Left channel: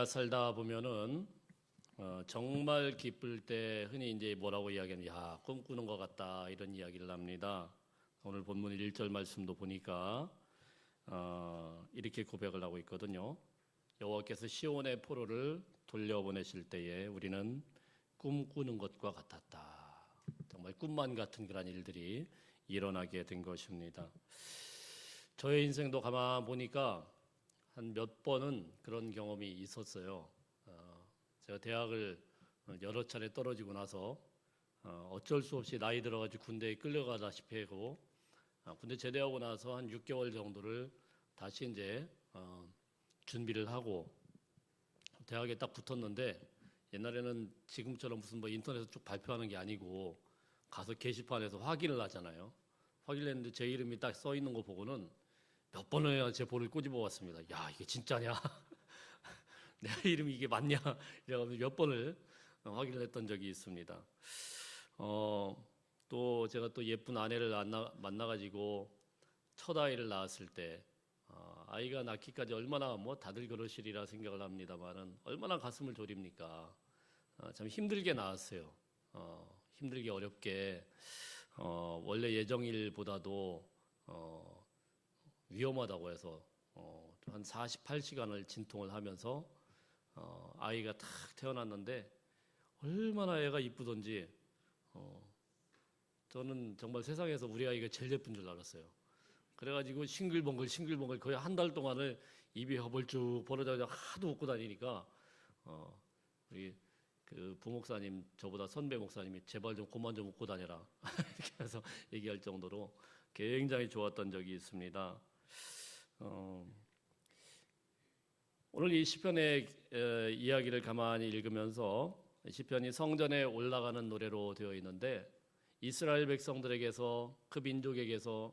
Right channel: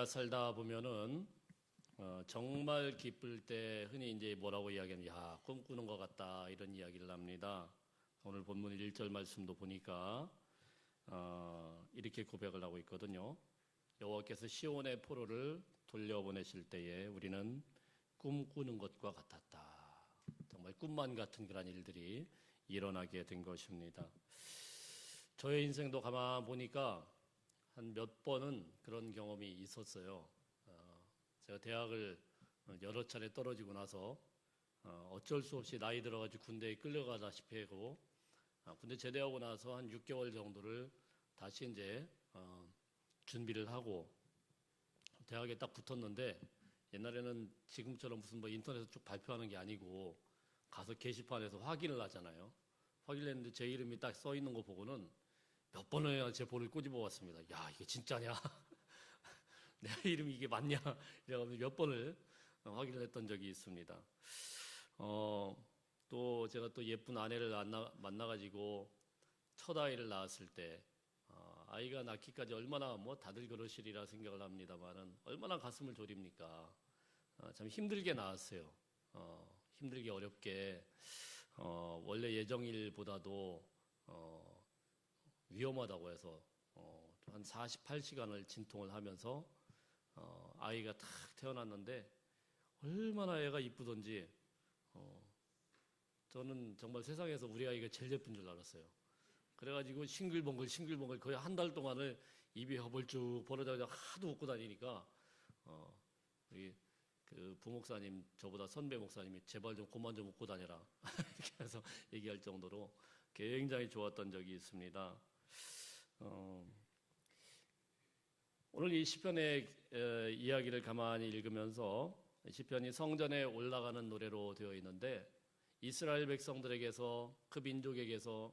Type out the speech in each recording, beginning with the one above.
우리가 살다 보면은 정말 기쁠 때 흔히 이제 뭐라고 이야기하면 야 꿈꾸는 것 같다 이런 이야기를 합니다. 오늘 본문 1절 말씀도 보니까 이렇게 고백을 하고 있거든요. 여호와께서 시온의 포로를 돌려보내실 때에 우리는 꿈꾸는 것과 같았다. 정말 꿈만 같은 그런 일들이 일어나게 된 것입니다. 저의 인생도 가만 보니까 한 몇 번은 그런 경험이 있었어요. 제가 대학을 여러 차례 떨어지고 나서 어쩔 수 없이 나이 들어가지고 군대에 끌려가다시피 하고 군대 제대하고 나서 한 6개월 정도를 다시 이제 준비를 하고 대학에 딱 붙었는데 옛날에는 지금처럼 무슨 뭐 인터넷에서 쭉 발표하는 게 아니고 가서 게시판에서 확인을 하잖아요. 확인을 했는데 제 이름이 딱 써 있는 거 보고는 몇 번을 제 볼을 꼬집어 왔습니다. 야, 이게 진짜냐? 내 이름이 이게 맞냐? 이래가지고 몇 번을 확인을 했던 적이 있습니다. 또 제가 또 예쁜 아내를 만나가지고 첫 아이를 낳았을 때 아이가 낳기까지 얼마나 뭐 다들 그러시리라 생각을 합니다만은 얼마나 가슴을 졸입니까? 참 힘들게 낳았어요. 힘들게 어렵게 원래 예정일보다도 위험하다고 해서 한 48시간을 진통을 하면서 아이가 탁 태어났는데 얼마나 애가 이쁘던지 저는 정말 세상에서 우리 아이가 제일 예쁜 줄 알았어요. 그래가지고 싱글벙글 거의 한 달 동안을 입이 허벌쭉 벌어져서 하도 웃고 다니니까 우리 그 부목사님 저보다 선배 목사님이 제발 좀 그만 좀 웃고 다녀라 이렇게 해서 얘기할 정도로 굉장히 좋았던 적이 있습니다. 오늘 이 시편의 이야기를 가만히 읽으면서 시편이 성전에 올라가는 노래로 되어 있는데 이스라엘 백성들에게서 그 민족에게서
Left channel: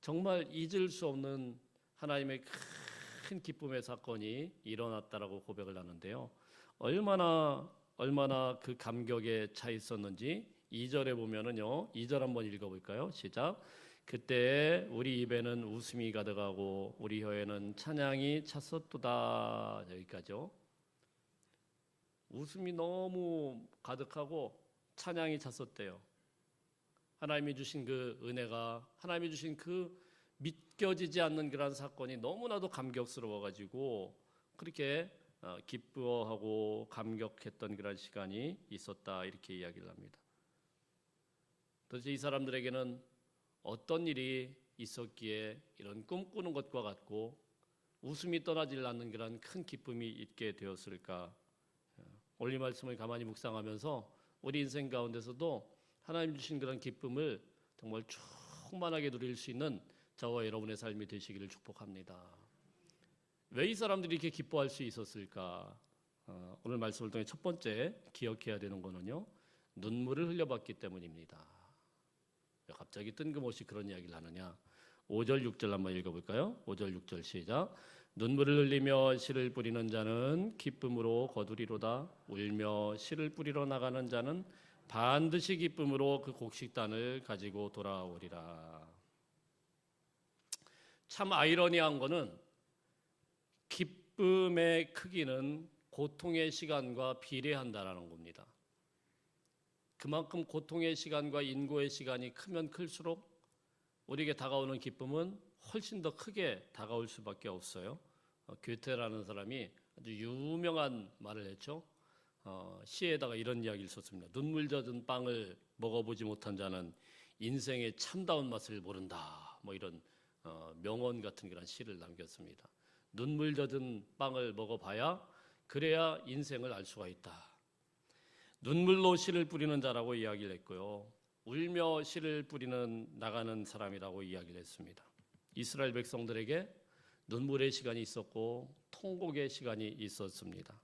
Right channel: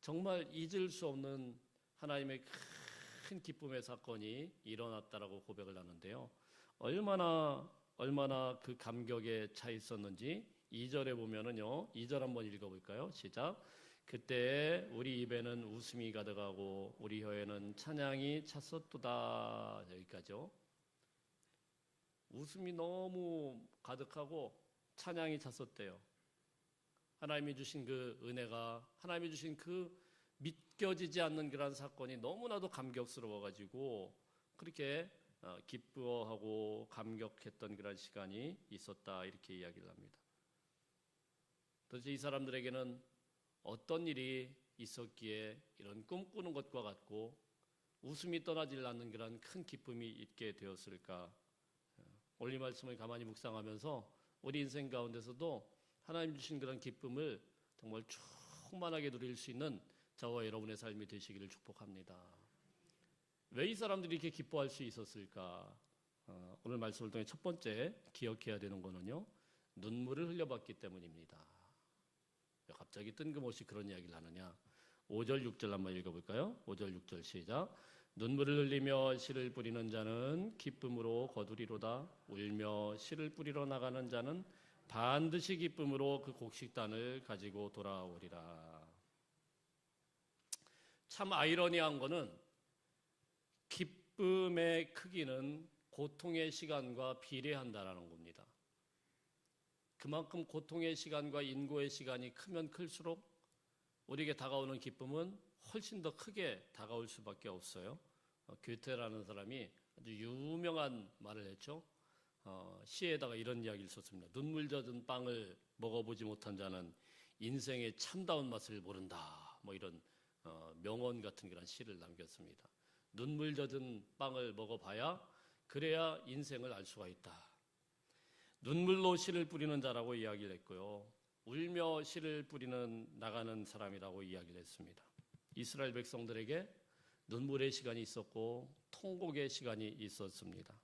정말 잊을 수 없는 하나님의 큰 기쁨의 사건이 일어났다라고 고백을 하는데요. 얼마나 그 감격에 차 있었는지 2절에 보면은요. 2절 한번 읽어볼까요? 시작. 그때 우리 입에는 웃음이 가득하고 우리 혀에는 찬양이 찼었도다. 여기까지요. 웃음이 너무 가득하고 찬양이 찼었대요. 하나님이 주신 그 은혜가 하나님이 주신 그 믿겨지지 않는 그런 사건이 너무나도 감격스러워가지고 그렇게 기뻐하고 감격했던 그런 시간이 있었다 이렇게 이야기를 합니다. 도대체 이 사람들에게는 어떤 일이 있었기에 이런 꿈꾸는 것과 같고 웃음이 떠나질 않는 그런 큰 기쁨이 있게 되었을까? 오늘 이 말씀을 가만히 묵상하면서 우리 인생 가운데서도 하나님 주신 그런 기쁨을 정말 충만하게 누릴 수 있는 저와 여러분의 삶이 되시기를 축복합니다. 왜 이 사람들이 이렇게 기뻐할 수 있었을까? 오늘 말씀을 통해 첫 번째 기억해야 되는 거는요. 눈물을 흘려봤기 때문입니다. 갑자기 뜬금없이 그런 이야기를 하느냐. 5절 6절 한번 읽어볼까요? 5절 6절 시작. 눈물을 흘리며 씨를 뿌리는 자는 기쁨으로 거두리로다. 울며 씨를 뿌리러 나가는 자는 반드시 기쁨으로 그 곡식단을 가지고 돌아오리라. 참 아이러니한 거는 기쁨의 크기는 고통의 시간과 비례한다라는 겁니다. 그만큼 고통의 시간과 인고의 시간이 크면 클수록 우리에게 다가오는 기쁨은 훨씬 더 크게 다가올 수밖에 없어요. 괴테라는 사람이 아주 유명한 말을 했죠. 시에다가 이런 이야기를 썼습니다. 눈물 젖은 빵을 먹어보지 못한 자는 인생의 참다운 맛을 모른다. 뭐 이런 명언 같은 그런 시를 남겼습니다. 눈물 젖은 빵을 먹어봐야 그래야 인생을 알 수가 있다. 눈물로 씨를 뿌리는 자라고 이야기를 했고요. 울며 씨를 뿌리는 나가는 사람이라고 이야기를 했습니다. 이스라엘 백성들에게 눈물의 시간이 있었고 통곡의 시간이 있었습니다.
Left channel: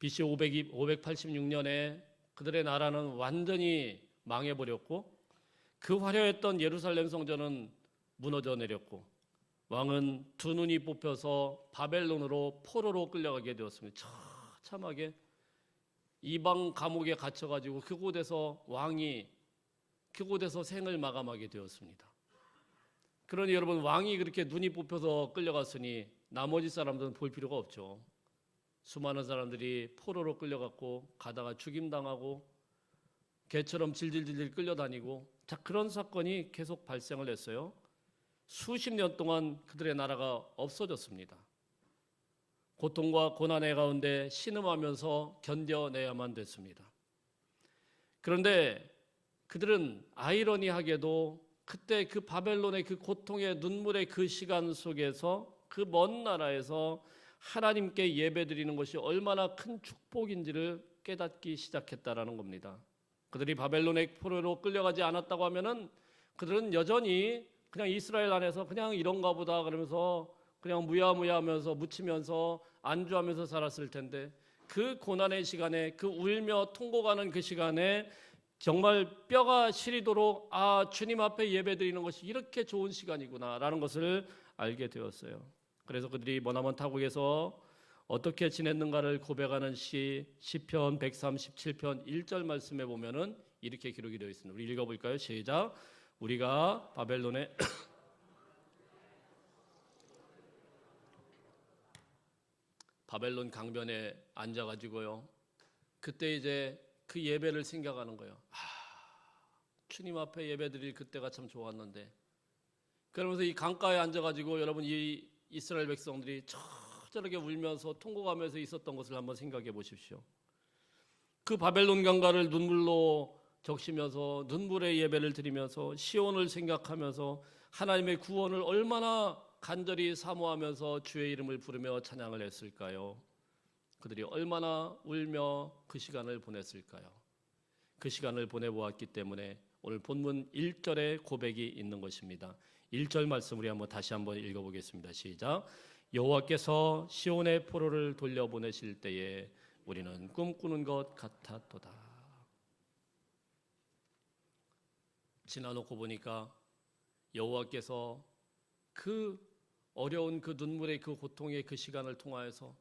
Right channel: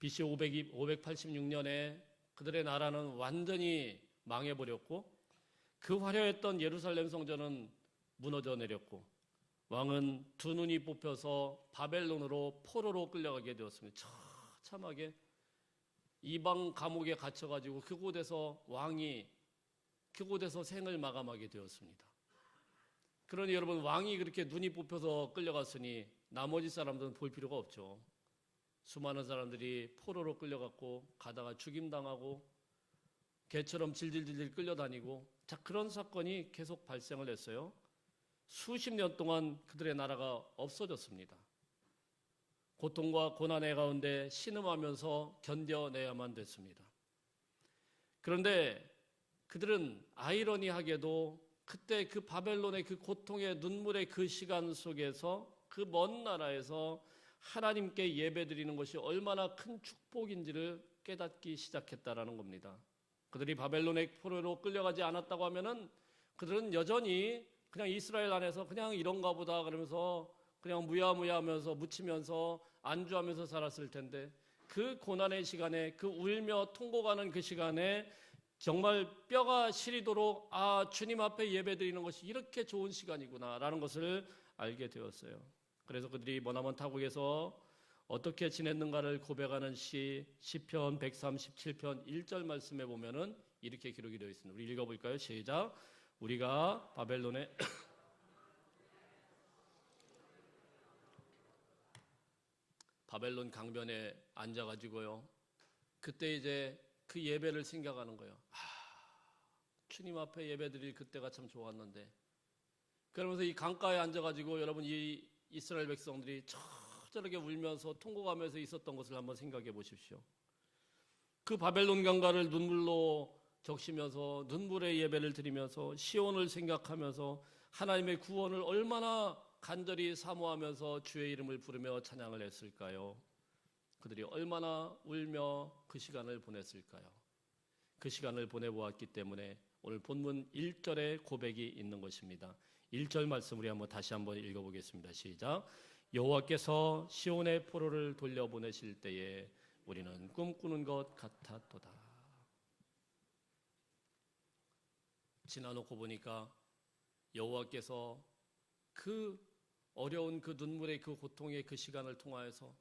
BC 586년에 그들의 나라는 완전히 망해버렸고 그 화려했던 예루살렘 성전은 무너져 내렸고 왕은 두 눈이 뽑혀서 바벨론으로 포로로 끌려가게 되었습니다. 처참하게 이방 감옥에 갇혀가지고 그곳에서 왕이 그곳에서 생을 마감하게 되었습니다. 그러니 여러분 왕이 그렇게 눈이 뽑혀서 끌려갔으니 나머지 사람들은 볼 필요가 없죠. 수많은 사람들이 포로로 끌려갔고 가다가 죽임당하고 개처럼 질질질질 끌려다니고 자 그런 사건이 계속 발생을 했어요. 수십 년 동안 그들의 나라가 없어졌습니다. 고통과 고난의 가운데 신음하면서 견뎌내야만 됐습니다. 그런데 그들은 아이러니하게도 그때 그 바벨론의 그 고통의 눈물의 그 시간 속에서 그 먼 나라에서 하나님께 예배드리는 것이 얼마나 큰 축복인지를 깨닫기 시작했다라는 겁니다. 그들이 바벨론의 포로로 끌려가지 않았다고 하면은 그들은 여전히 그냥 이스라엘 안에서 그냥 이런가 보다 그러면서 그냥 무야무야하면서 묻히면서 안주하면서 살았을 텐데 그 고난의 시간에 그 울며 통곡하는 그 시간에 정말 뼈가 시리도록 아 주님 앞에 예배드리는 것이 이렇게 좋은 시간이구나라는 것을 알게 되었어요. 그래서 그들이 머나먼 타국에서 어떻게 지냈는가를 고백하는 시편 137편 1절 말씀에 보면은 이렇게 기록이 되어 있습니다. 우리 읽어볼까요? 시작. 우리가 바벨론에 바벨론 강변에 앉아가지고요. 그때 이제 그 예배를 생각하는 거예요. 주님 앞에 예배드릴 그때가 참 좋았는데. 그러면서 이 강가에 앉아가지고 여러분 이 이스라엘 백성들이 저렇게 울면서 통곡하면서 있었던 것을 한번 생각해 보십시오. 그 바벨론 강가를 눈물로 적시면서 눈물의 예배를 드리면서 시온을 생각하면서 하나님의 구원을 얼마나 간절히 사모하면서 주의 이름을 부르며 찬양을 했을까요? 그들이 얼마나 울며 그 시간을 보냈을까요? 그 시간을 보내보았기 때문에 오늘 본문 1절에 고백이 있는 것입니다. 1절 말씀 우리 다시 한번 읽어보겠습니다. 시작. 여호와께서 시온의 포로를 돌려보내실 때에 우리는 꿈꾸는 것 같았도다. 지나놓고 보니까 여호와께서 그 어려운 그 눈물의 그 고통의 그 시간을 통하여서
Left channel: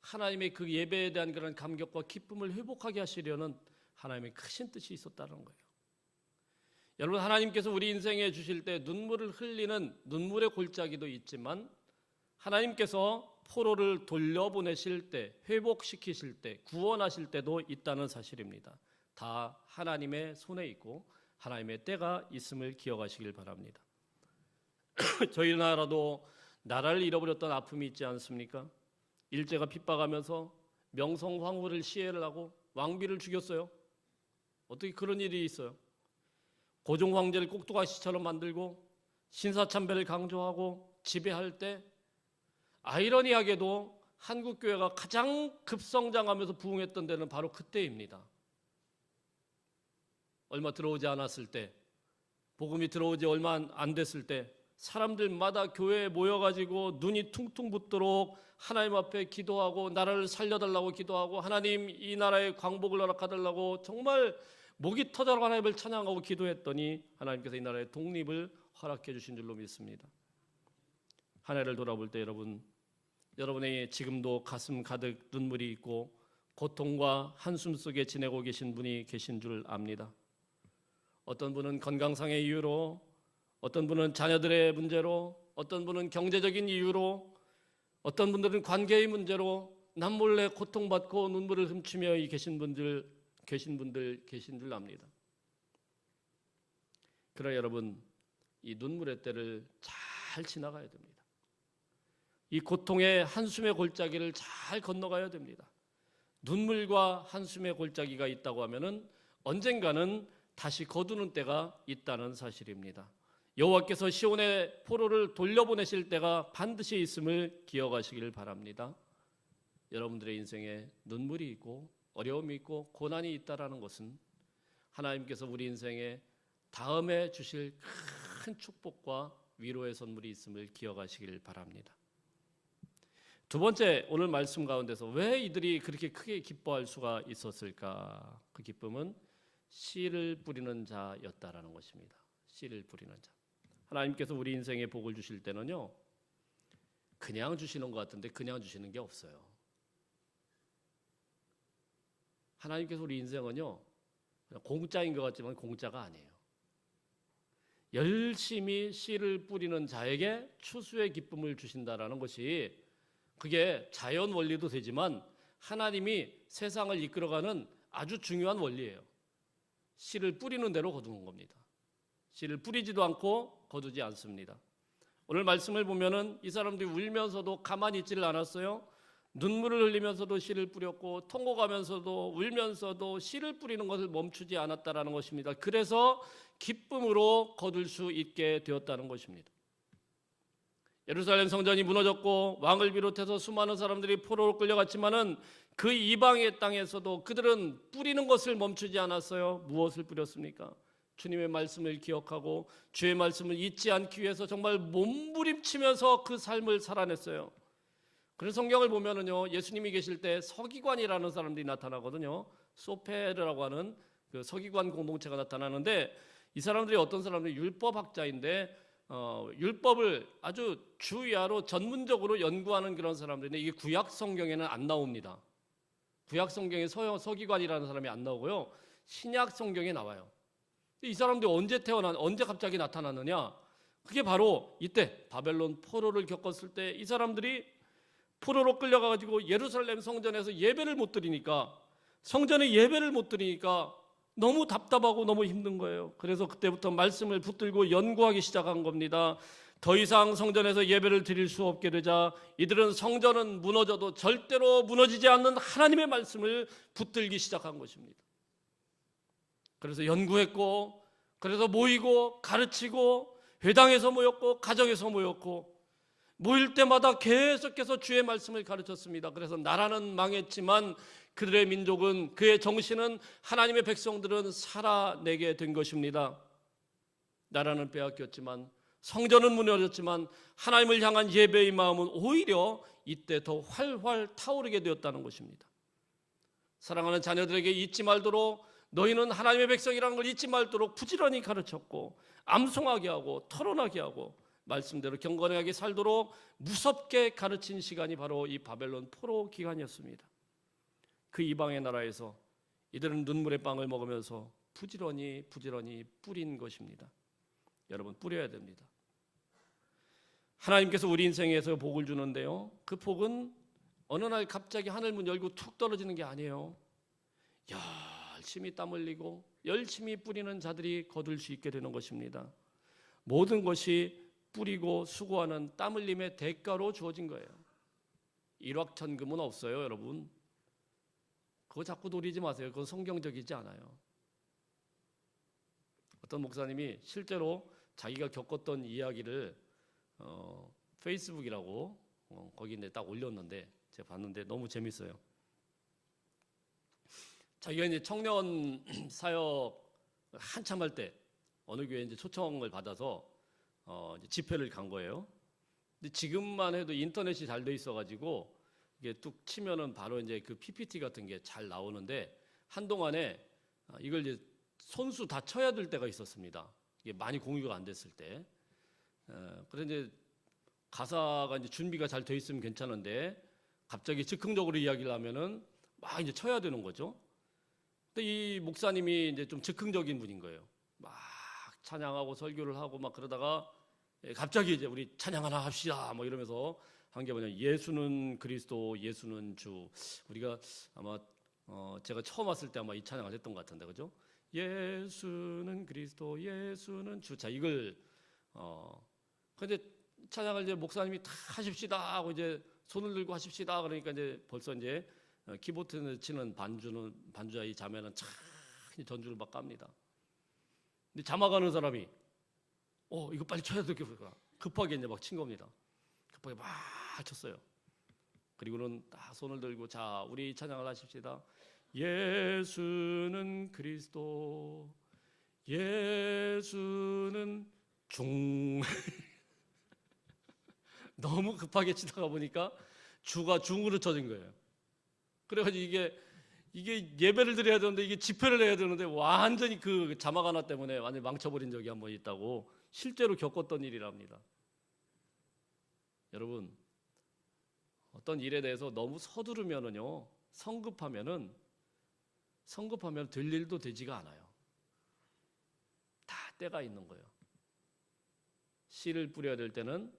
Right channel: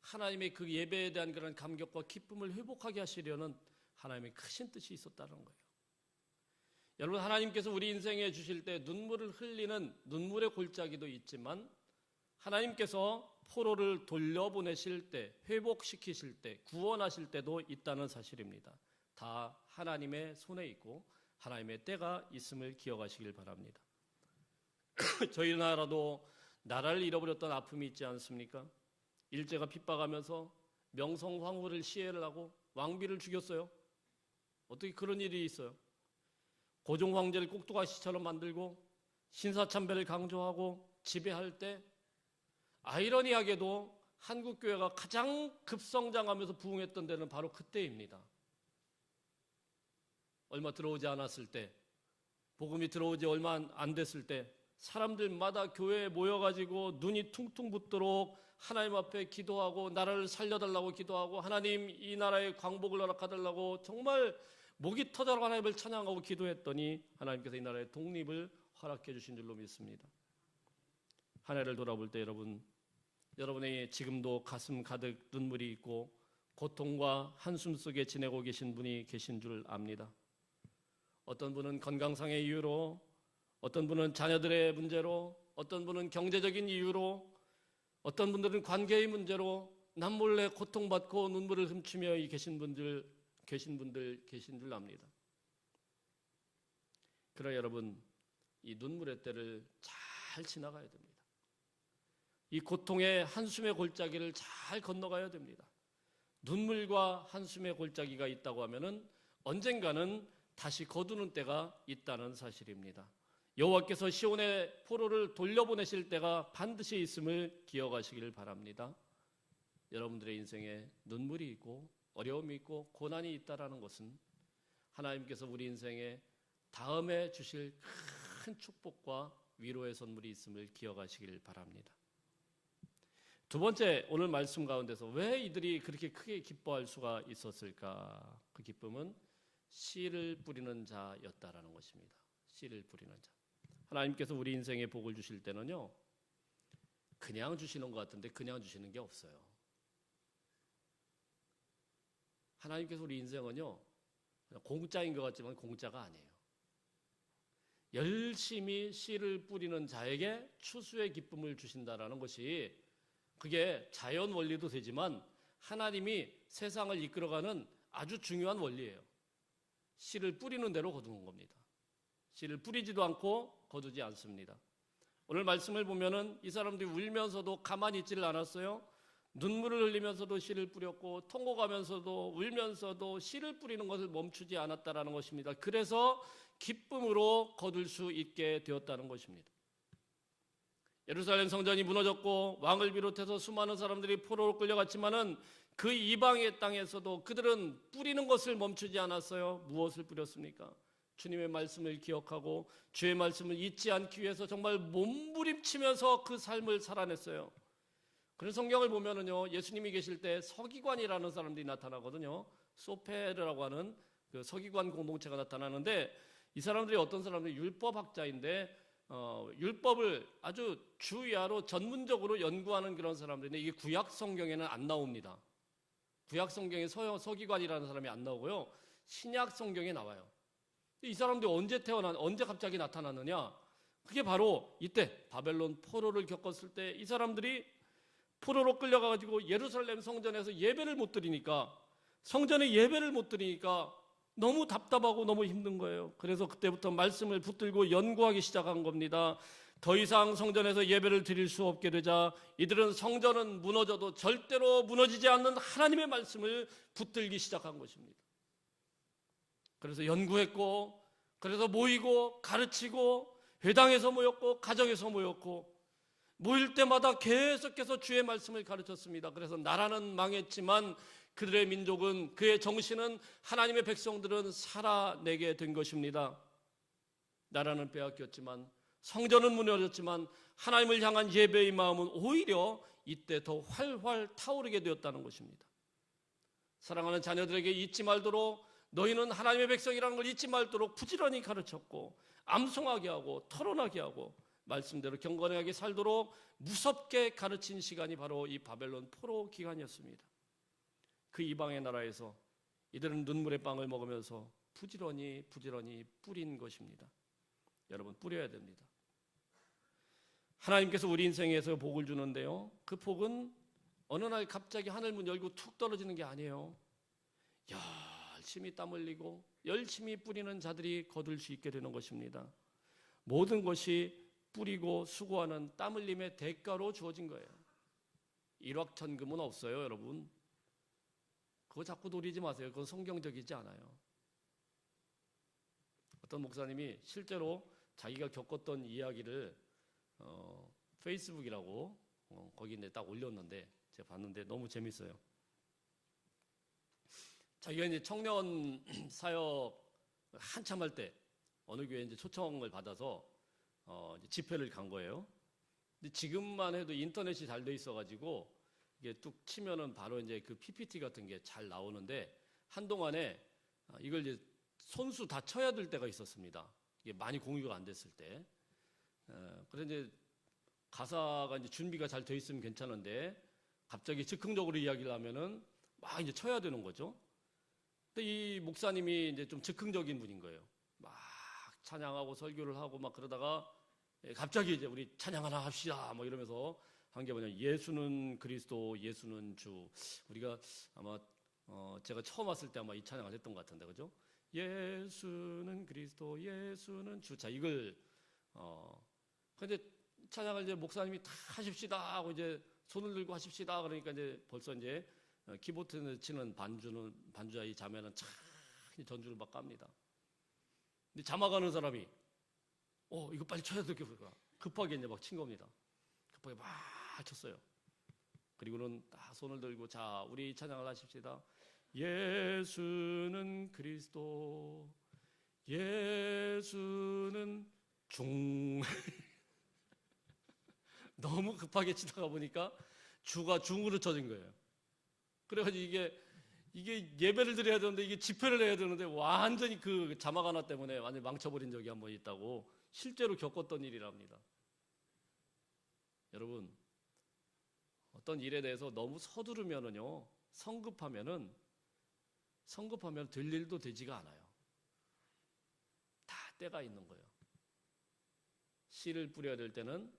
하나님의 그 예배에 대한 그런 감격과 기쁨을 회복하게 하시려는 하나님의 크신 뜻이 있었다는 거예요. 여러분 하나님께서 우리 인생에 주실 때 눈물을 흘리는 눈물의 골짜기도 있지만 하나님께서 포로를 돌려보내실 때, 회복시키실 때, 구원하실 때도 있다는 사실입니다. 다 하나님의 손에 있고 하나님의 때가 있음을 기억하시길 바랍니다. 저희 나라도 나라를 잃어버렸던 아픔이 있지 않습니까? 일제가 핍박하면서 명성황후를 시해를 하고 왕비를 죽였어요. 어떻게 그런 일이 있어요? 고종 황제를 꼭두가시처럼 만들고 신사참배를 강조하고 지배할 때 아이러니하게도 한국교회가 가장 급성장하면서 부흥했던 데는 바로 그때입니다. 얼마 들어오지 않았을 때, 복음이 들어오지 얼마 안 됐을 때 사람들마다 교회에 모여가지고 눈이 퉁퉁 붓도록 하나님 앞에 기도하고 나라를 살려달라고 기도하고 하나님 이 나라에 광복을 허락하달라고 정말 목이 터져라 하나님을 찬양하고 기도했더니 하나님께서 이 나라의 독립을 허락해 주신 줄로 믿습니다. 한 해를 돌아볼 때 여러분의 지금도 가슴 가득 눈물이 있고 고통과 한숨 속에 지내고 계신 분이 계신 줄 압니다. 어떤 분은 건강상의 이유로, 어떤 분은 자녀들의 문제로, 어떤 분은 경제적인 이유로, 어떤 분들은 관계의 문제로 남몰래 고통받고 눈물을 훔치며 계신 분들 계신 줄 압니다. 그러나 여러분, 이 눈물의 때를 잘 지나가야 됩니다. 이 고통의 한숨의 골짜기를 잘 건너가야 됩니다. 눈물과 한숨의 골짜기가 있다고 하면은 언젠가는 다시 거두는 때가 있다는 사실입니다. 여호와께서 시온의 포로를 돌려보내실 때가 반드시 있음을 기억하시길 바랍니다. 여러분들의 인생에 눈물이 있고 어려움이 있고 고난이 있다라는 것은 하나님께서 우리 인생에 다음에 주실 큰 축복과 위로의 선물이 있음을 기억하시길 바랍니다. 두 번째, 오늘 말씀 가운데서 왜 이들이 그렇게 크게 기뻐할 수가 있었을까? 그 기쁨은 씨를 뿌리는 자였다라는 것입니다. 씨를 뿌리는 자. 하나님께서 우리 인생에 복을 주실 때는요, 그냥 주시는 것 같은데 그냥 주시는 게 없어요. 하나님께서 우리 인생은요, 공짜인 것 같지만 공짜가 아니에요. 열심히 씨를 뿌리는 자에게 추수의 기쁨을 주신다라는 것이 그게 자연 원리도 되지만 하나님이 세상을 이끌어가는 아주 중요한 원리예요. 씨를 뿌리는 대로 거두는 겁니다. 씨를 뿌리지도 않고 거두지 않습니다. 오늘 말씀을 보면은 이 사람들이 울면서도 가만히 있지를 않았어요. 눈물을 흘리면서도 씨를 뿌렸고 통곡하면서도 울면서도 씨를 뿌리는 것을 멈추지 않았다라는 것입니다. 그래서 기쁨으로 거둘 수 있게 되었다는 것입니다. 예루살렘 성전이 무너졌고 왕을 비롯해서 수많은 사람들이 포로로 끌려갔지만은 그 이방의 땅에서도 그들은 뿌리는 것을 멈추지 않았어요. 무엇을 뿌렸습니까? 주님의 말씀을 기억하고 주의 말씀을 잊지 않기 위해서 정말 몸부림치면서 그 삶을 살아냈어요. 그래서 성경을 보면은요, 예수님이 계실 때 서기관이라는 사람들이 나타나거든요. 소페르라고 하는 그 서기관 공동체가 나타나는데 이 사람들이 어떤 사람들이 율법학자인데 율법을 아주 주야로 전문적으로 연구하는 그런 사람들인데 이게 구약 성경에는 안 나옵니다. 구약 성경에 서기관이라는 사람이 안 나오고요. 신약 성경에 나와요. 이 사람들이 언제 갑자기 나타났느냐? 그게 바로 이때 바벨론 포로를 겪었을 때 이 사람들이 포로로 끌려가가지고 예루살렘 성전에서 예배를 못 드리니까 성전에 예배를 못 드리니까 너무 답답하고 너무 힘든 거예요. 그래서 그때부터 말씀을 붙들고 연구하기 시작한 겁니다. 더 이상 성전에서 예배를 드릴 수 없게 되자 이들은 성전은 무너져도 절대로 무너지지 않는 하나님의 말씀을 붙들기 시작한 것입니다. 그래서 연구했고 그래서 모이고 가르치고 회당에서 모였고 가정에서 모였고 모일 때마다 계속해서 주의 말씀을 가르쳤습니다. 그래서 나라는 망했지만 그들의 민족은 그의 정신은 하나님의 백성들은 살아내게 된 것입니다. 나라는 빼앗겼지만 성전은 무너졌지만 하나님을 향한 예배의 마음은 오히려 이때 더 활활 타오르게 되었다는 것입니다. 사랑하는 자녀들에게 잊지 말도록 너희는 하나님의 백성이라는 걸 잊지 말도록 부지런히 가르쳤고 암송하게 하고 토론하게 하고 말씀대로 경건하게 살도록 무섭게 가르친 시간이 바로 이 바벨론 포로 기간이었습니다. 그 이방의 나라에서 이들은 눈물의 빵을 먹으면서 부지런히 뿌린 것입니다. 여러분 뿌려야 됩니다. 하나님께서 우리 인생에서 복을 주는데요. 그 복은 어느 날 갑자기 하늘문 열고 툭 떨어지는 게 아니에요. 열심히 땀 흘리고 열심히 뿌리는 자들이 거둘 수 있게 되는 것입니다. 모든 것이 뿌리고 수고하는 땀 흘림의 대가로 주어진 거예요. 일확천금은 없어요, 여러분. 그거 자꾸 노리지 마세요. 그건 성경적이지 않아요. 어떤 목사님이 실제로 자기가 겪었던 이야기를 페이스북이라고 거기 딱 올렸는데 제가 봤는데 너무 재밌어요. 자기가 이제 청년 사역 한참 할 때 어느 교회에 이제 초청을 받아서 이제 집회를 간 거예요. 근데 지금만 해도 인터넷이 잘 돼 있어가지고 이게 뚝 치면은 바로 이제 그 PPT 같은 게 잘 나오는데 한동안에 이걸 이제 손수 다 쳐야 될 때가 있었습니다. 이게 많이 공유가 안 됐을 때. 그래서 이제 가사가 이제 준비가 잘 돼 있으면 괜찮은데 갑자기 즉흥적으로 이야기를 하면은 막 이제 쳐야 되는 거죠. 근데 이 목사님이 이제 좀 즉흥적인 분인 거예요. 막 찬양하고 설교를 하고 막 그러다가 갑자기 이제 우리 찬양 하나 합시다 뭐 이러면서 한 게 뭐냐, 예수는 그리스도, 예수는 주. 우리가 아마 제가 처음 왔을 때 아마 이 찬양을 했던 것 같은데, 그죠? 예수는 그리스도, 예수는 주. 자, 이걸 근데 찬양을 이제 목사님이 다 하십시다 하고 이제 손을 들고 하십시다 그러니까 이제 벌써 이제 키보드를 치는 반주자 이 자매는 참 전주를 막 깝니다. 근데 자막하는 사람이 이거 빨리 쳐야 되겠구나. 급하게 이제 막 친 겁니다. 급하게 막 쳤어요. 그리고는 딱 손을 들고 자, 우리 찬양을 하십시다. 예수는 그리스도, 예수는 중. 너무 급하게 치다가 보니까 주가 중으로 쳐진 거예요. 그래가지고 이게 예배를 드려야 되는데 이게 집회를 해야 되는데 완전히 그 자막 하나 때문에 완전히 망쳐버린 적이 한 번 있다고 실제로 겪었던 일이랍니다. 여러분, 어떤 일에 대해서 너무 서두르면은요, 성급하면 될 일도 되지가 않아요. 다 때가 있는 거예요. 씨를 뿌려야 될 때는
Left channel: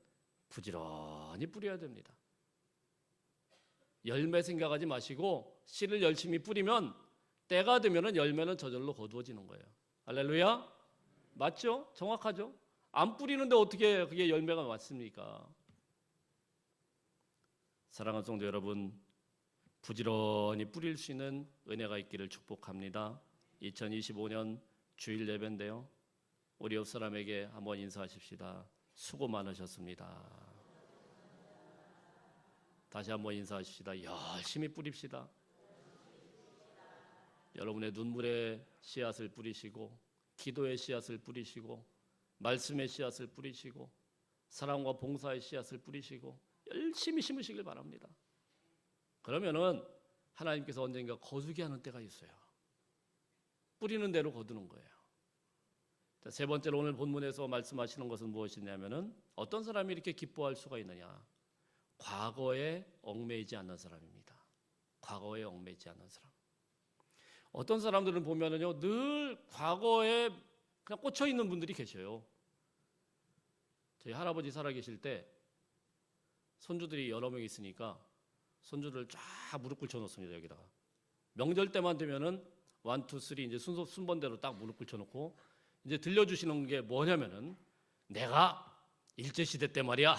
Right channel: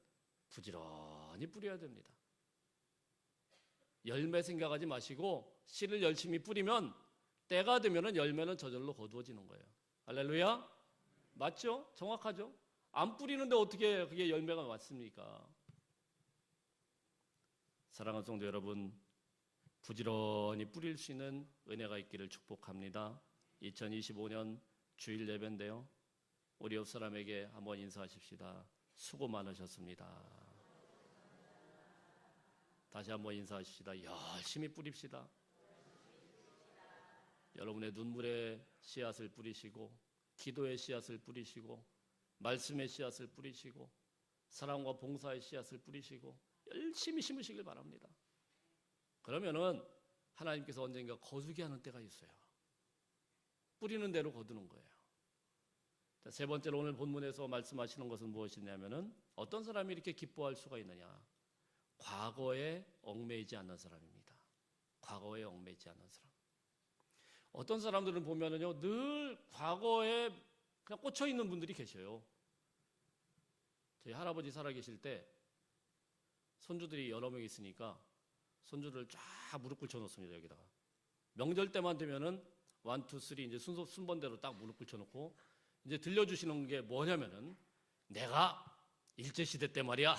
부지런히 뿌려야 됩니다. 열매 생각하지 마시고 씨를 열심히 뿌리면 때가 되면 열매는 저절로 거두어지는 거예요. 할렐루야. 맞죠? 정확하죠? 안 뿌리는데 어떻게 그게 열매가 왔습니까? 사랑하는 성도 여러분, 부지런히 뿌릴 수 있는 은혜가 있기를 축복합니다. 2025년 주일 예배인데요. 우리 옆 사람에게 한번 인사하십시다. 수고 많으셨습니다. 다시 한번 인사하십시다. 열심히 뿌립시다. 여러분의 눈물의 씨앗을 뿌리시고, 기도의 씨앗을 뿌리시고, 말씀의 씨앗을 뿌리시고, 사랑과 봉사의 씨앗을 뿌리시고 열심히 심으시길 바랍니다. 그러면은 하나님께서 언젠가 거두게 하는 때가 있어요. 뿌리는 대로 거두는 거예요. 자, 세 번째로 오늘 본문에서 말씀하시는 것은 무엇이냐면은 어떤 사람이 이렇게 기뻐할 수가 있느냐? 과거에 얽매이지 않는 사람입니다. 과거에 얽매이지 않는 사람. 어떤 사람들은 보면은요, 늘 과거에 그냥 꽂혀 있는 분들이 계셔요. 저희 할아버지 살아계실 때 손주들이 여러 명 있으니까 손주들 쫙 무릎 꿇쳐 놓습니다. 여기다가 명절 때만 되면은 1, 2, 3 이제 순번대로 딱 무릎 꿇쳐 놓고 이제 들려주시는 게 뭐냐면은 내가 일제시대 때 말이야.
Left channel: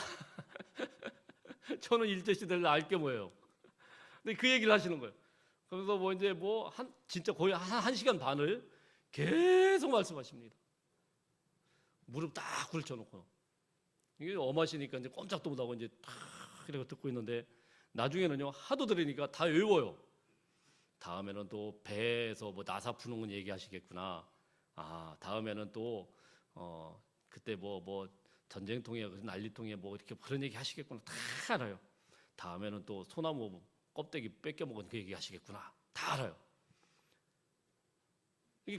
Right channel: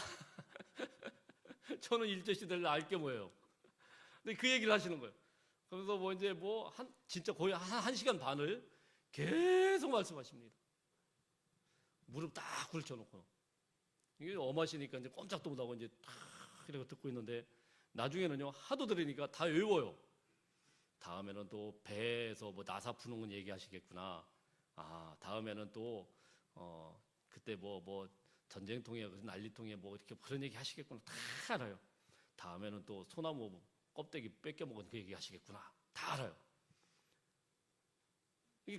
저는 일제시대를 알게 뭐예요. 근데 그 얘기를 하시는 거예요. 그래서 뭐 이제 진짜 거의 한 시간 반을 계속 말씀하십니다. 무릎 딱 꿇쳐놓고. 이게 엄하시니까 이제 꼼짝도 못하고 이제 탁 이렇게 듣고 있는데 나중에는요, 하도 들으니까 다 외워요. 다음에는 또 배에서 뭐 나사 푸는 건 얘기하시겠구나. 아, 다음에는 또, 그때 뭐 전쟁통에, 난리통에 뭐 이렇게 그런 얘기 하시겠구나. 다 알아요. 다음에는 또 소나무 껍데기 뺏겨먹은 그 얘기 하시겠구나. 다 알아요.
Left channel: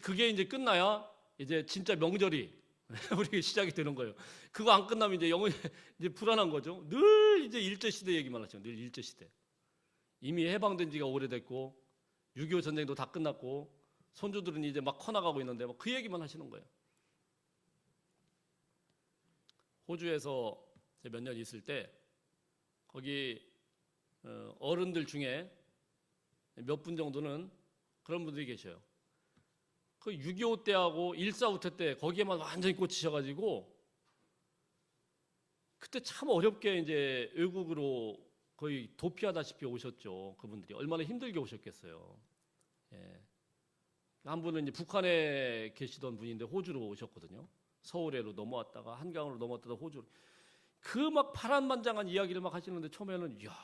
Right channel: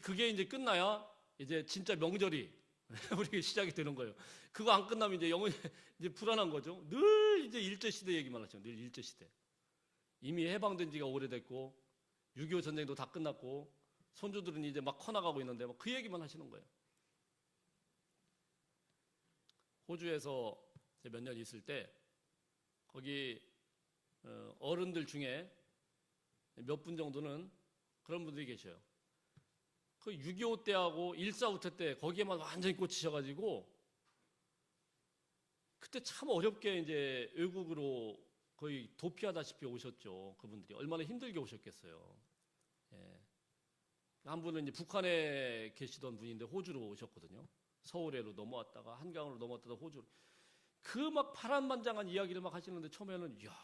그게 이제 끝나야 이제 진짜 명절이 우리 시작이 되는 거예요. 그거 안 끝나면 이제 영혼이 이제 불안한 거죠. 늘 이제 일제시대 얘기만 하죠. 늘 일제시대. 이미 해방된 지가 오래됐고, 6.25 전쟁도 다 끝났고, 손주들은 이제 막 커나가고 있는데 그 얘기만 하시는 거예요. 호주에서 몇 년 있을 때, 거기 어른들 중에 몇 분 정도는 그런 분들이 계셔요. 그 6.25 때하고 1.4 때 거기에만 완전히 꽂히셔가지고 그때 참 어렵게 이제 외국으로 거의 도피하다시피 오셨죠. 그분들이 얼마나 힘들게 오셨겠어요. 예. 한 분은 이제 북한에 계시던 분인데 호주로 오셨거든요. 서울에로 넘어왔다가 한강으로 넘어왔다가 호주로. 그 막 파란만장한 이야기를 막 하시는데 처음에는 이야,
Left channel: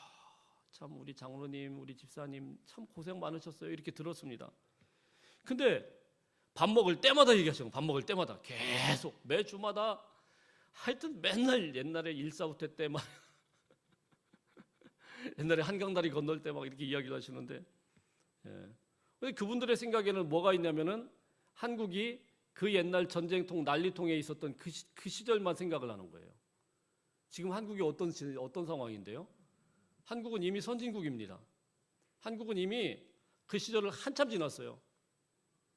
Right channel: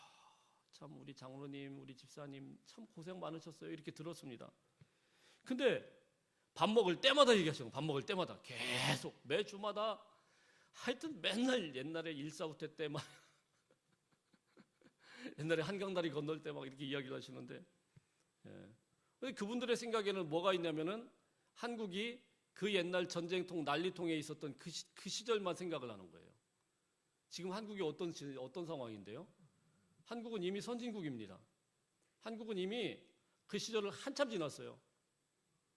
참 우리 장로님, 우리 집사님 참 고생 많으셨어요. 이렇게 들었습니다. 근데 밥 먹을 때마다 얘기하시는 거예요. 밥 먹을 때마다 계속 매주마다 하여튼 맨날 옛날에 1.4 때 막 옛날에 한강다리 건널 때 막 이렇게 이야기를 하시는데, 예. 그분들의 생각에는 뭐가 있냐면은 한국이 그 옛날 전쟁통 난리통에 있었던 그 시절만 생각을 하는 거예요. 지금 한국이 어떤 상황인데요? 한국은 이미 선진국입니다. 한국은 이미 그 시절을 한참 지났어요.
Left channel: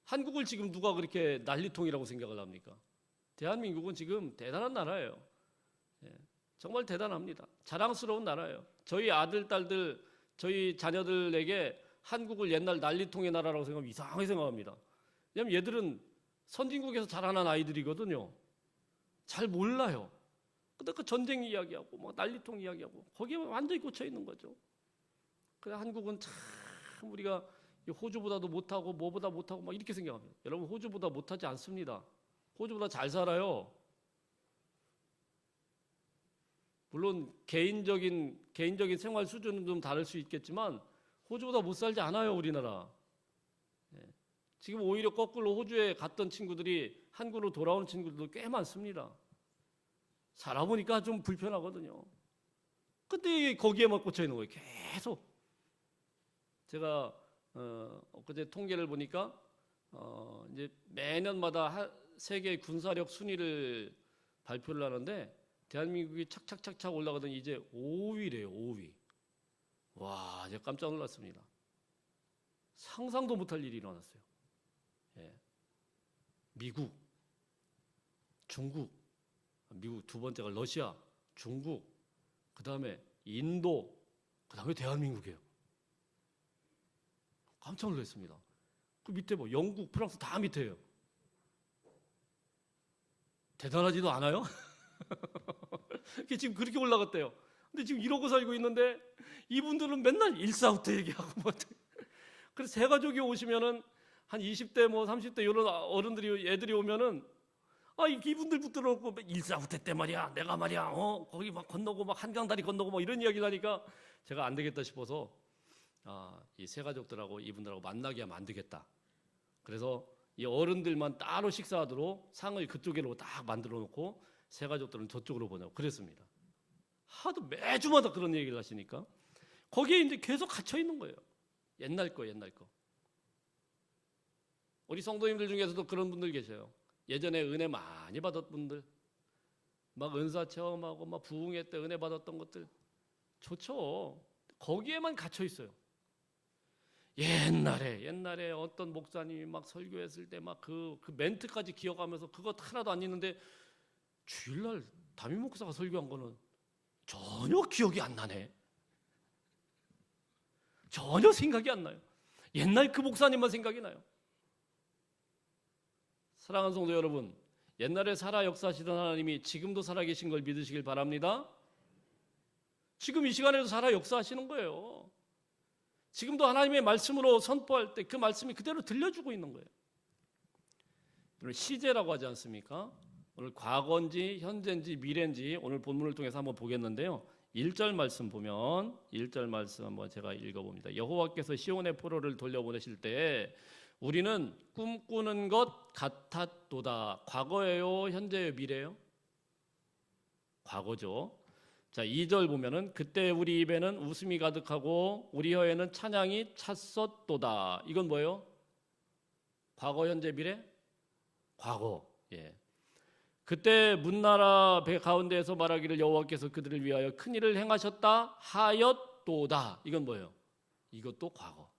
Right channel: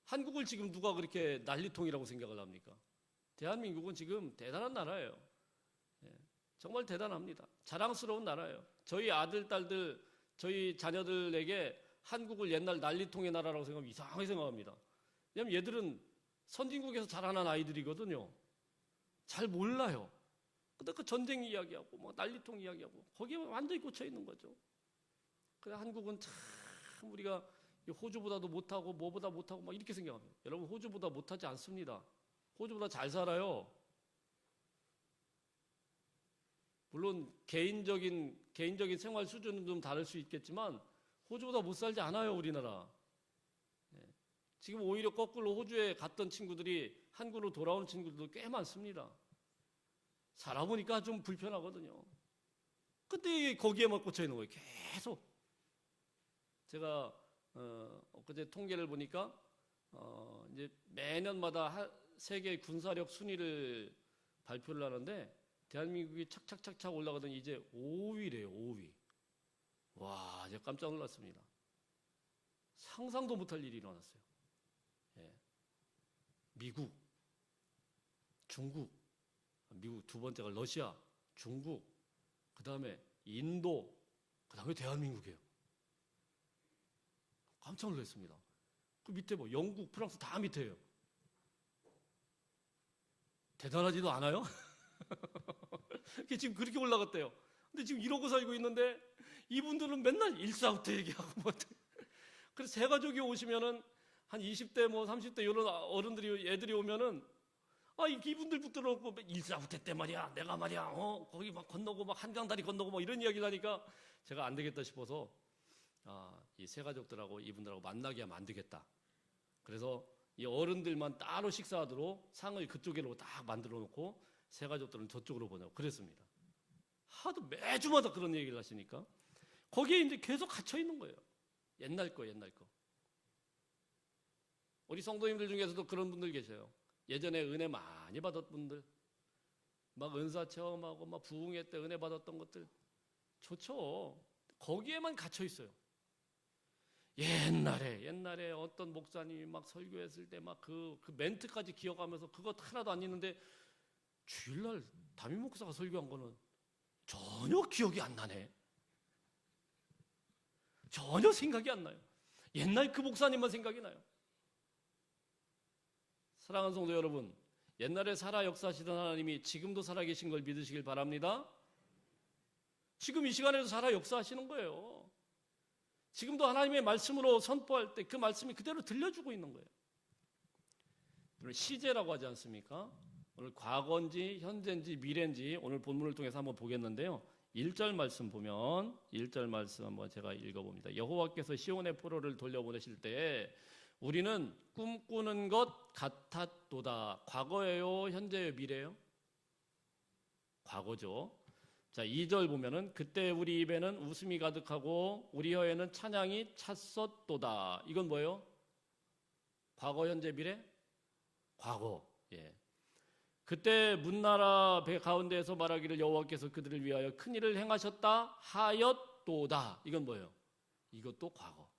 한국을 지금 누가 그렇게 난리통이라고 생각을 합니까? 대한민국은 지금 대단한 나라예요. 예, 정말 대단합니다. 자랑스러운 나라예요. 저희 아들, 딸들, 저희 자녀들에게 한국을 옛날 난리통의 나라라고 생각하면 이상하게 생각합니다. 왜냐하면 얘들은 선진국에서 자라난 아이들이거든요. 잘 몰라요. 근데 그 전쟁 이야기하고 뭐 난리통 이야기하고 거기에 완전히 꽂혀 있는 거죠. 그래서 한국은 참 우리가 호주보다도 못하고 뭐보다 못하고 막 이렇게 생각합니다. 여러분, 호주보다 못하지 않습니다. 호주보다 잘 살아요. 물론 개인적인 생활 수준은 좀 다를 수 있겠지만 호주보다 못 살지 않아요, 우리나라. 지금 오히려 거꾸로 호주에 갔던 친구들이 한국으로 돌아오는 친구들도 꽤 많습니다. 살아보니까 좀 불편하거든요. 근데 거기에만 꽂혀 있는 거예요. 계속. 제가 엊그제 통계를 보니까 이제 매년마다 세계 군사력 순위를 발표를 하는데 대한민국이 착착착착 올라가더니 이제 5위래요. 5위. 와, 제가 깜짝 놀랐습니다. 상상도 못할 일이 일어났어요. 예. 미국, 중국, 미국 두 번째가 러시아, 중국, 그 다음에 인도, 그 다음에 대한민국이에요. 깜짝 놀랐습니다. 그 밑에 뭐 영국, 프랑스 다 밑에요. 대단하지도 않아요? 지금 그렇게 올라갔대요. 근데 지금 이러고 살고 있는데 이분들은 맨날 일사후퇴 얘기하고 뭐. 그래서 새 가족이 오시면은 한 20대 뭐 30대 이런 어른들이 애들이 오면은 이분들 붙들어놓고 일사후퇴 때 말이야 내가 말이야 거기 막 건너고 막 한강다리 건너고 뭐 이런 이야기를 하니까 제가 안 되겠다 싶어서 이 새 가족들하고 이분들하고 만나게 하면 안 되겠다. 그래서 이 어른들만 따로 식사하도록 상을 그쪽으로 딱 만들어 놓고 새 가족들은 저쪽으로 보내고 그랬습니다. 하도 매주마다 그런 얘기를 하시니까 거기에 이제 계속 갇혀 있는 거예요. 옛날 거. 우리 성도님들 중에서도 그런 분들 계셔요. 예전에 은혜 많이 받았던 분들, 막 은사 체험하고 막 부흥회 때 은혜 받았던 것들 좋죠. 거기에만 갇혀 있어요. 옛날에 어떤 목사님이 막 설교했을 때 막 그 멘트까지 기억하면서 그거 하나도 안 있는데 주일날 담임 목사가 설교한 거는 전혀 기억이 안 나네. 전혀 생각이 안 나요. 옛날 그 목사님만 생각이 나요. 사랑하는 성도 여러분, 옛날에 살아 역사하시던 하나님이 지금도 살아계신 걸 믿으시길 바랍니다. 지금 이 시간에도 살아 역사하시는 거예요. 지금도 하나님의 말씀으로 선포할 때 그 말씀이 그대로 들려주고 있는 거예요. 오늘 시제라고 하지 않습니까? 오늘 과거인지 현재인지 미래인지 오늘 본문을 통해서 한번 보겠는데요. 1절 말씀 보면 1절 말씀 한번 제가 읽어봅니다. 여호와께서 시온의 포로를 돌려보내실 때 우리는 꿈꾸는 것 같았도다. 과거예요? 현재예요? 미래예요? 과거죠. 자, 2절 보면은 그때 우리 입에는 웃음이 가득하고 우리 혀에는 찬양이 찼었도다. 이건 뭐예요? 과거, 현재, 미래? 과거. 예. 그때 문나라 배 가운데에서 말하기를 여호와께서 그들을 위하여 큰 일을 행하셨다 하였도다. 이건 뭐예요? 이것도 과거.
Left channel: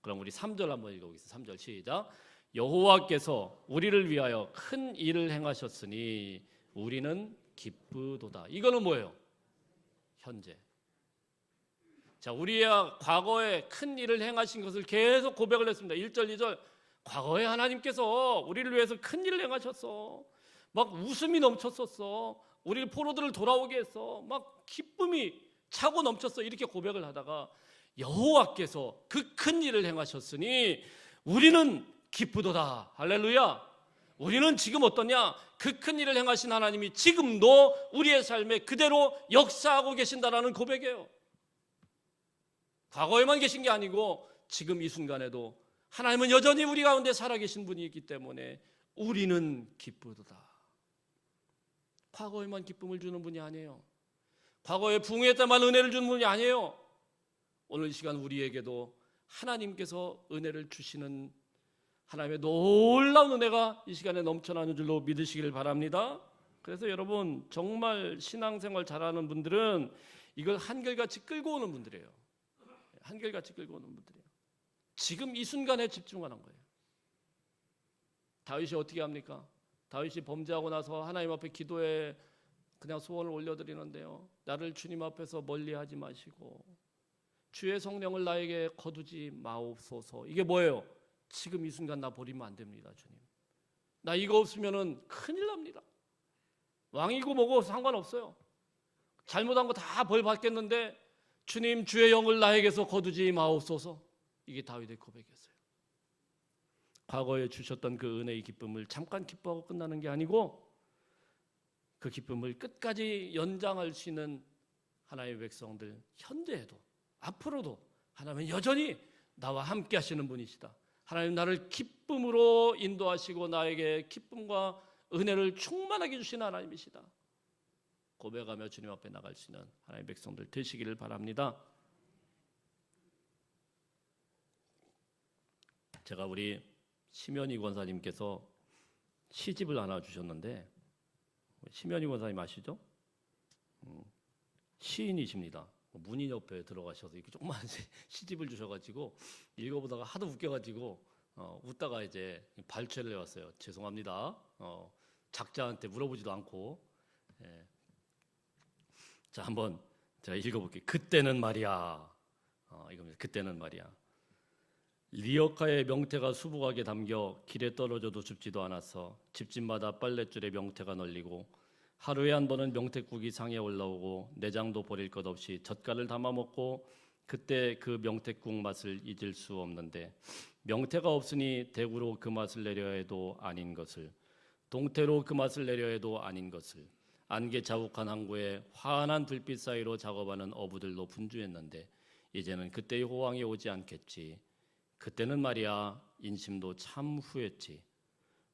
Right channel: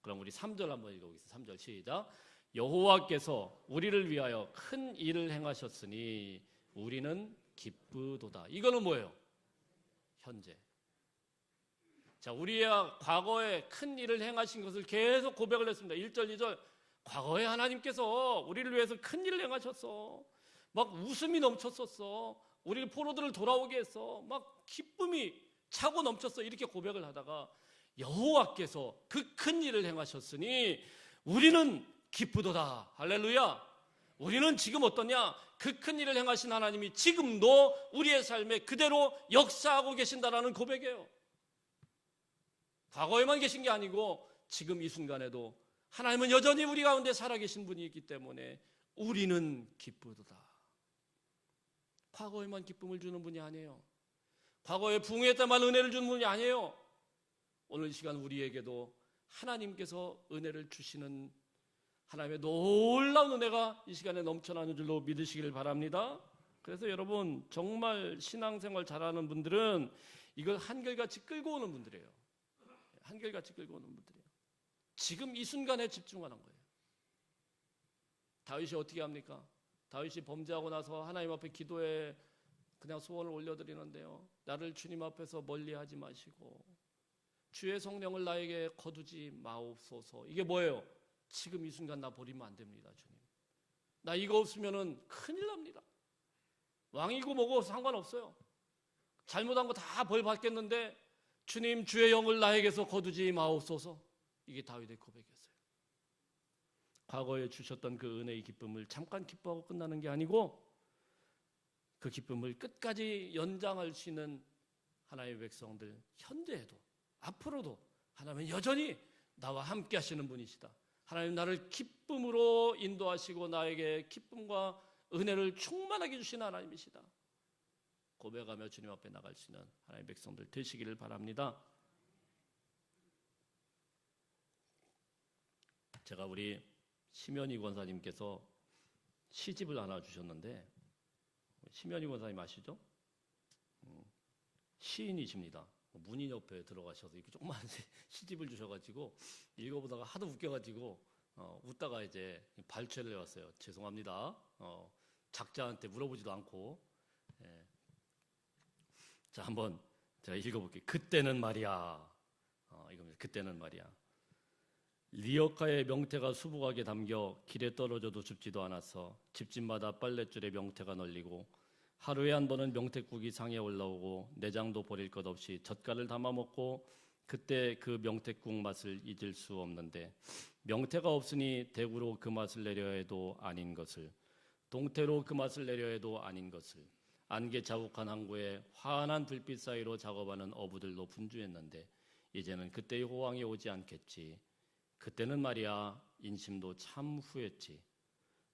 그럼 우리 3절 한번 읽어보겠습니다. 3절 시작. 여호와께서 우리를 위하여 큰 일을 행하셨으니 우리는 기쁘도다. 이거는 뭐예요? 현재. 자, 우리야 과거에 큰 일을 행하신 것을 계속 고백을 했습니다. 1절, 2절. 과거에 하나님께서 우리를 위해서 큰 일을 행하셨어. 막 웃음이 넘쳤었어. 우리 포로들을 돌아오게 했어. 막 기쁨이 차고 넘쳤어. 이렇게 고백을 하다가 여호와께서 그 큰 일을 행하셨으니 우리는 기쁘도다. 할렐루야. 우리는 지금 어떠냐? 그 큰 일을 행하신 하나님이 지금도 우리의 삶에 그대로 역사하고 계신다라는 고백이에요. 과거에만 계신 게 아니고 지금 이 순간에도 하나님은 여전히 우리 가운데 살아계신 분이 있기 때문에 우리는 기쁘도다. 과거에만 기쁨을 주는 분이 아니에요. 과거에 부흥회 때만 은혜를 주는 분이 아니에요. 오늘 이 시간 우리에게도 하나님께서 은혜를 주시는 하나님의 놀라운 은혜가 이 시간에 넘쳐나는 줄로 믿으시길 바랍니다. 그래서 여러분 정말 신앙생활 잘하는 분들은 이걸 한결같이 끌고 오는 분들이에요. 한결같이 끌고 오는 분들이에요. 지금 이 순간에 집중하는 거예요. 다윗이 어떻게 합니까? 다윗이 범죄하고 나서 하나님 앞에 기도에 그냥 소원을 올려드리는데요. 나를 주님 앞에서 멀리하지 마시고 주의 성령을 나에게 거두지 마옵소서. 이게 뭐예요? 지금 이 순간 나 버리면 안 됩니다, 주님. 나 이거 없으면은 큰일 납니다. 왕이고 뭐고 상관없어요. 잘못한 거 다 벌 받겠는데 주님 주의 영을 나에게서 거두지 마옵소서. 이게 다윗의 고백이었어요. 과거에 주셨던 그 은혜의 기쁨을 잠깐 기뻐하고 끝나는 게 아니고 그 기쁨을 끝까지 연장할 수 있는 하나님의 백성들, 현재에도 앞으로도 하나님은 여전히 나와 함께 하시는 분이시다. 하나님 나를 기쁨으로 인도하시고 나에게 기쁨과 은혜를 충만하게 주시는 하나님이시다. 고백하며 주님 앞에 나갈 수 있는 하나님의 백성들 되시기를 바랍니다. 제가 우리 심연희 권사님께서 시집을 하나 주셨는데, 심연희 권사님 아시죠? 시인이십니다. 문인 옆에 들어가셔서 이렇게 조그만 시집을 주셔가지고 읽어보다가 하도 웃겨가지고 웃다가 이제 발췌를 해왔어요. 죄송합니다. 작자한테 물어보지도 않고. 예. 자, 한번 제가 읽어볼게요. 그때는 말이야. 이겁니다. 그때는 말이야. 리어카의 명태가 수북하게 담겨 길에 떨어져도 줍지도 않았어. 집집마다 빨랫줄에 명태가 널리고 하루에 한 번은 명태국이 상에 올라오고 내장도 버릴 것 없이 젓갈을 담아 먹고 그때 그 명태국 맛을 잊을 수 없는데 명태가 없으니 대구로 그 맛을 내려 해도 아닌 것을 동태로 그 맛을 내려 해도 아닌 것을 안개 자욱한 항구에 환한 불빛 사이로 작업하는 어부들도 분주했는데 이제는 그때의 호황이 오지 않겠지. 그때는 말이야 인심도 참 후했지.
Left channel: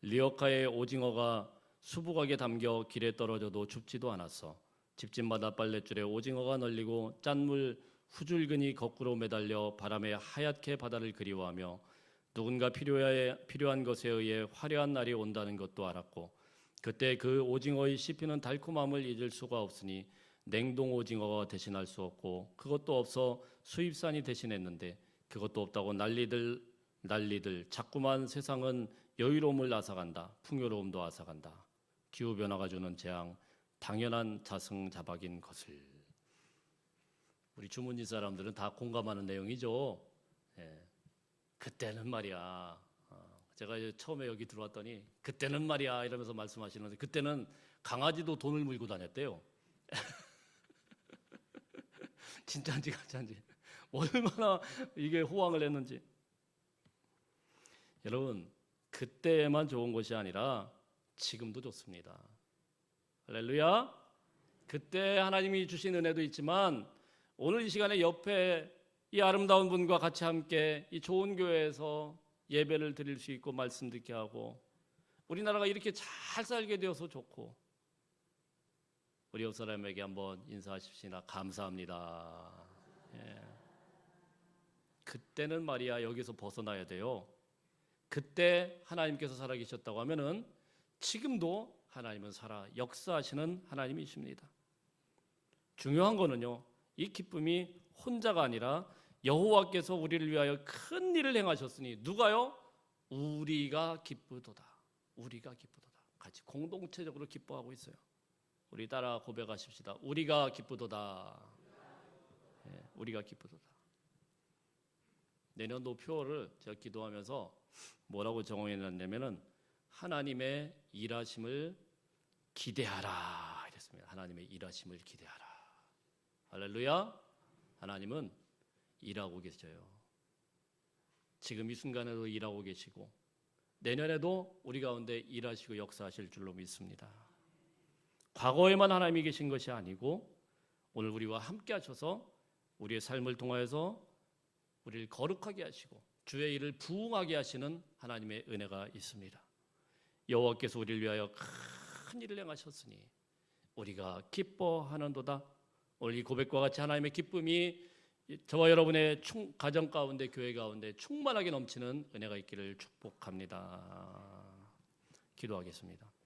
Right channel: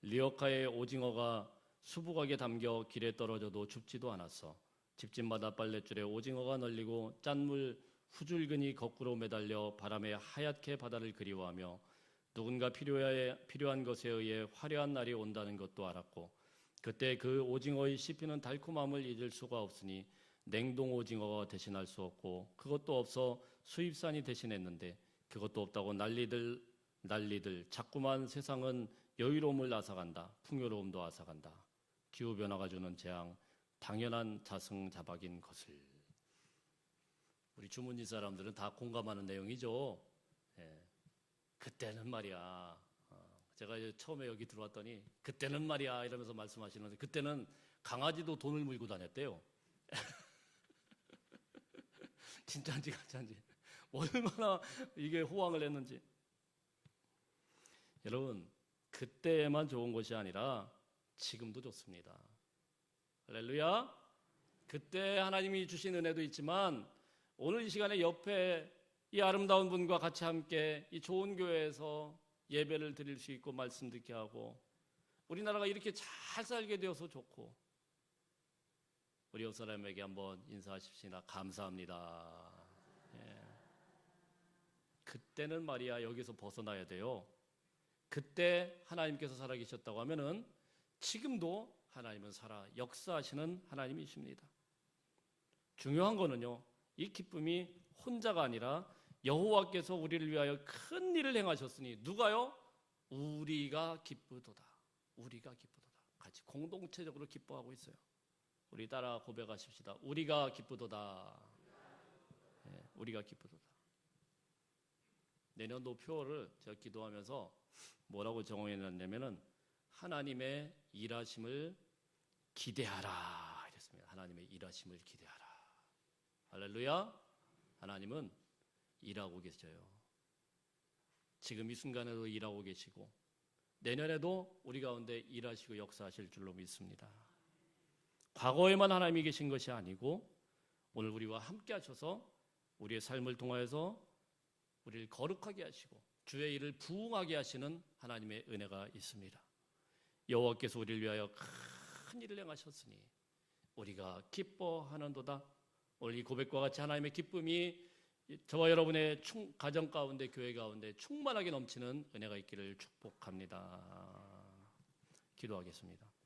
리어카의 오징어가 수북하게 담겨 길에 떨어져도 줍지도 않았어. 집집마다 빨랫줄에 오징어가 널리고 짠물 후줄근이 거꾸로 매달려 바람에 하얗게 바다를 그리워하며 누군가 필요한 것에 의해 화려한 날이 온다는 것도 알았고 그때 그 오징어의 씹히는 달콤함을 잊을 수가 없으니 냉동 오징어가 대신할 수 없고 그것도 없어 수입산이 대신했는데 그것도 없다고 난리들 자꾸만 세상은 여유로움을 앗아간다. 풍요로움도 앗아간다. 기후변화가 주는 재앙, 당연한 자승자박인 것을. 우리 주문지 사람들은 다 공감하는 내용이죠. 예. 그때는 말이야. 제가 처음에 여기 들어왔더니 그때는 말이야 이러면서 말씀하시는데 그때는 강아지도 돈을 물고 다녔대요. 진짜인지 가짜인지 얼마나 이게 호황을 했는지. 여러분 그때만 좋은 것이 아니라 지금도 좋습니다. 할렐루야. 그때 하나님이 주신 은혜도 있지만 오늘 이 시간에 옆에 이 아름다운 분과 같이 함께 이 좋은 교회에서 예배를 드릴 수 있고 말씀 듣게 하고 우리나라가 이렇게 잘 살게 되어서 좋고 우리 옆 사람에게 한번 인사하십시다. 감사합니다. 예. 그때는 말이야 여기서 벗어나야 돼요. 그때 하나님께서 살아계셨다고 하면은 지금도 하나님은 살아 역사하시는 하나님이십니다. 중요한 거는요. 이 기쁨이 혼자가 아니라 여호와께서 우리를 위하여 큰 일을 행하셨으니 누가요? 우리가 기쁘도다. 우리가 기쁘도다. 같이 공동체적으로 기뻐하고 있어요. 우리 따라 고백하십시다. 우리가 기쁘도다. 네, 우리가 기쁘도다. 내년도 표를 제가 기도하면서 뭐라고 정해놨냐면은 하나님의 일하심을 기대하라 이랬습니다. 하나님의 일하심을 기대하라. 할렐루야. 하나님은 일하고 계셔요. 지금 이 순간에도 일하고 계시고 내년에도 우리 가운데 일하시고 역사하실 줄로 믿습니다. 과거에만 하나님이 계신 것이 아니고 오늘 우리와 함께 하셔서 우리의 삶을 통하여서 우리를 거룩하게 하시고 주의 일을 부응하게 하시는 하나님의 은혜가 있습니다. 여호와께서 우리를 위하여 큰 일을 행하셨으니 우리가 기뻐하는도다. 오늘 이 고백과 같이 하나님의 기쁨이 저와 여러분의 가정 가운데 교회 가운데 충만하게 넘치는 은혜가 있기를 축복합니다. 기도하겠습니다.